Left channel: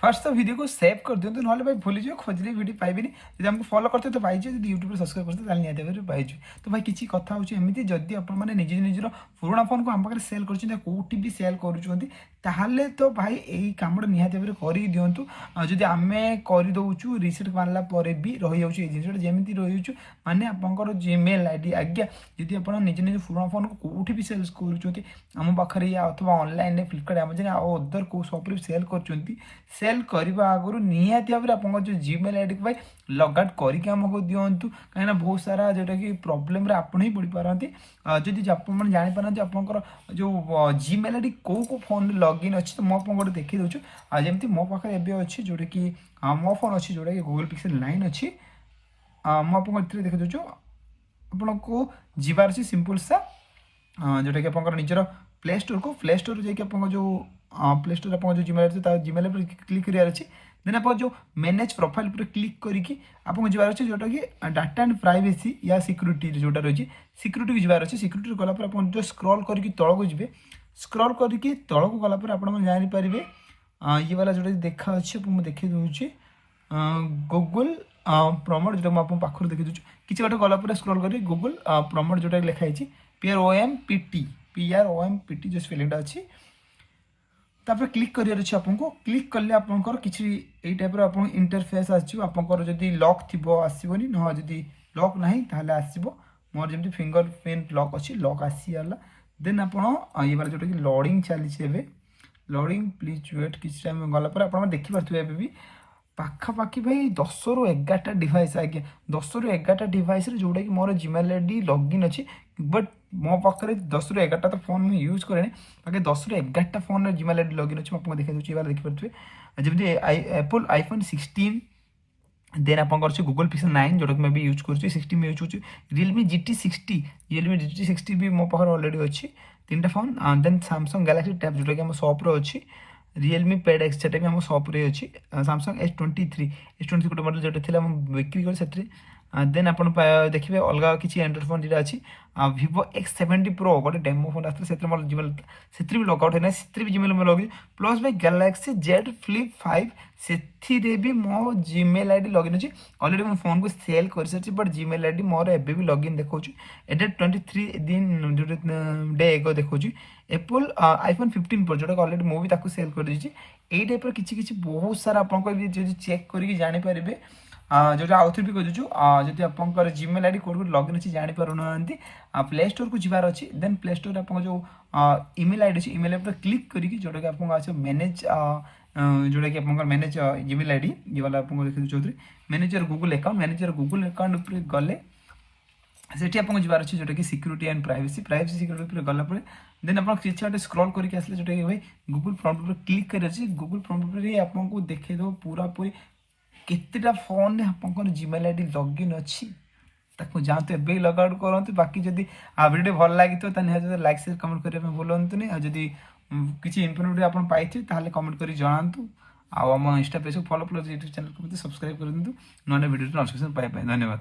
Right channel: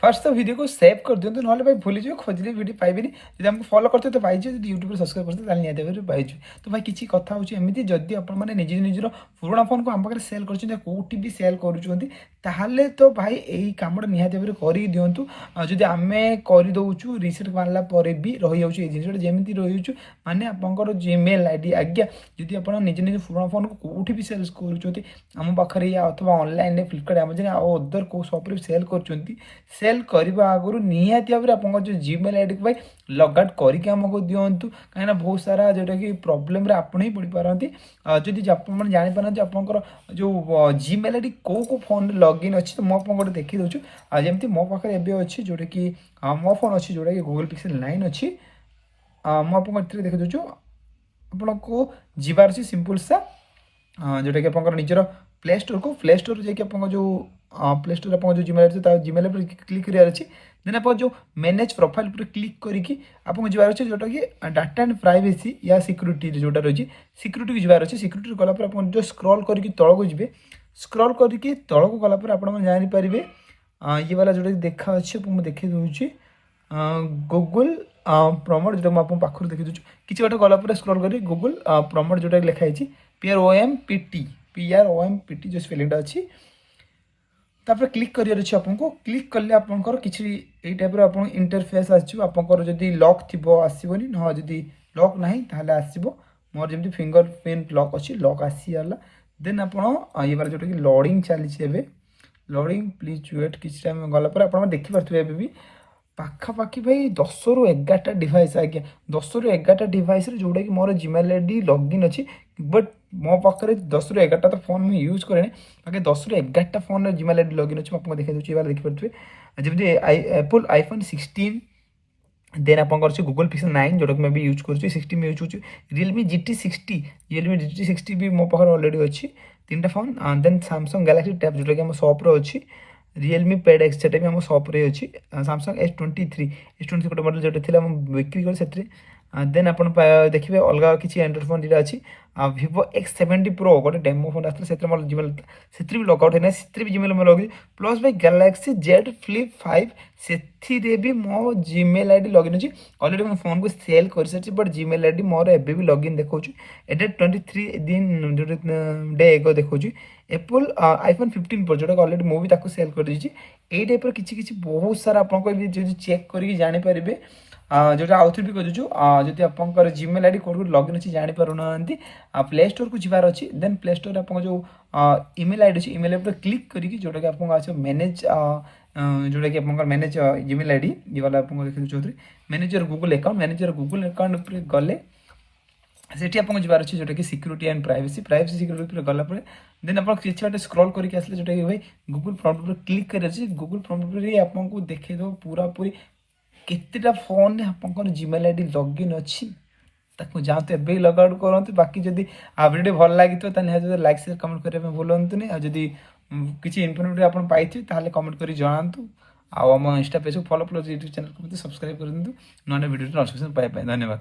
First तो video को save कर दिखाँ ना भाई भूली जाए खोजले वीडियो पाइबे जब हमको फॉलो करते तो पाइज जो यूट्यूब सब्सक्राइब करते निहत भाव पाइज तो भाई किसी कथा होमती जदि आपने निज निजर पुराणा फोन को आम पाखे सेल करोटी भी सेल करुँच तो भाई यही कमटा निहत भाव कर दिंतु जदि आम करदे रिसेट मारला भी रही जाऊँगी जिन जमी रही माने आपंकर जीमेल आईडी आज्ञा जदि आप निज निज पुराणा फोन को कौटी भी सेल करुँच पाखे या अथवा ऑनलाइन फ्लिपकार्ट अमेजन अदर कौ सप्रे सेल कर सेल करने आगु निहाती भाव आप जो जीमेल आईडी को भाई लग आउट करके आमको दिंतु कहीं बहुत सारा जोटा कि प्रोब्लेम आपण ही पड़ पारती जदि आपने जापार आपंकर जो जीमेल आईडी कौ को फोन लॉगिन अच्छी तो मुझे गोटे देखी दूँ जमी मो पाखे एवं अच्छी जोटा कि मो फोन अच्छी जोटा कि गूगल पिक्सेल 9 अच्छी मुझे देखी दूँ आपन को जीवार अच्छी सिंपल सा जोटा कि आप निजर प्ले स्टोर जाकि जो प्ले स्टोर आप जो जीमेल क्लिक करार अच्छी देन आप जो मैनेज प्रोफाइल पर क्लिक करके आपको जबार अच्छे जोटा कि डाटा एंड प्राइवेसी या सिक्यूरीटी जोटा रही सिक्यूरीटी को जबार अच्छे सिक्यूरीटी गलापर आप जो स्क्रॉल करके तल को जी स्क्रॉल करके तल को गलापर आप जानीपर ये वाला जोटा देखा अच्छे मुझे देखी दूसरी गूगल प्रमोट जो मुझे पाखर देखी दूँ किसी बाट गलापर स्क्रॉल कर गूगल प्रमोट जोटा लिखाई PROMPT जो स्पेलिंगटा अच्छी तापर क्लिक करार अच्छे आपको क्लिक कले आपंकर किसी यही टाइप आप इंटरफेस आसपर जदि लॉक थी आसबनी ना जदि लॉक ना ताहले आसब मोर जमी फिंगर प्रिंट लॉक अच्छी लॉक आसीगला देन आप ये वाला जोटा कि लोडिंग चली लोडिंग प्लीज वेट किसी टाइम गलापर आप देखिपे भी पाखापाखि भाई 10 ରୁ 11टा डिवाइस आज्ञा 10 ରୁ 11टा डिवाइस जोटा कि मोर जीमेल आईडी लॉगिन अच्छी बट मो पाखे 10 ରୁ 11टा तो फोन में यूज करें बाकी 10 ରୁ 11टा फोन जीमेल आईडी लॉगिन अच्छी आपको देखा दूसरी वाला देखिपे जमी एप्पल आईफोन 16 देन आप गूगल पिक्सेल 9 जोटा कि मैं भी यूज कर 16 में यूज कर रियलमी GT60 भी मो पाखे अलरेडी अच्छी 3टा phone then Samsung Galaxy tab जोटा कि सॉप्रे अच्छी रियलमी पैड एक्स से भी आम सप्रे अच्छी सैमसंग S23 गोटे मॉडल जो थी बिक्री कर देन आप देखिए अलग किसी एंड्रॉइड फोन जो अच्छी Vivo X70 Pro गोटे डेमो फोन आसता से जीमेल से भी लगआउट होना से भी जीमेल में लगे प्लस भाई गैलेक्सी Z Flip 5 से भी मो जीमेल आईडी लॉगिन अच्छी ऑलरेडी मो फोन को सेल कर सारी बट जीमेल आईडी मोर एवं भी लॉगिन देखा एट 23 दिन जो डे एगो देखा एप्पल आईफोन 15 Pro जोटा ऑलरेडी मुझे सेल कर दी यही टाइप किसी बहुत सारा आपको चेक करके जानीपर जोटा आउ थे भी करूँ जदि आप जीमेल आईडी कौट लॉगिन अच्छी जापर ना प्ले स्टोर को जबार अच्छी देन प्ले स्टोर आप जो ईमेल आईडी अच्छी ईमेल पर क्लिक करके जोटा कि आपको आस मैनेज जोटा कि आप मैनेज जीमेल आईडी ये वाला आपको देखिए चौधरी मैनेजर गूगल अकाउंट गले सेठी आपको जबार अच्छे जोटा कि सिक्यूरीटी एंड प्राइवेसी सिक्यूरीटी गलापर देन आप किसी बाटे स्क्रॉल करके आसले जोटा कि भाई गूगल प्रॉम्प्ट पर क्लिक कर गूगल प्रॉम्प्ट पर आपको देखो पूरा पूरी केतेटा फोन आप जीमेल आईडी लॉगिन अच्छी ताको जाते एवं लग आउट करते बाकी जदि वीडियो भल लगी तो लाइक शेयर कमेंट करने भूलुनि जदि किसी इनफॉर्मेटिव आप पाई कमेंट कर जनातु आम इंस्टा पेज को फॉलो यूट्यूब चैनल को सब्सक्राइब कर दिंतु ना वीडियो नोटिफिकेशन पाइबा धन्यवाद।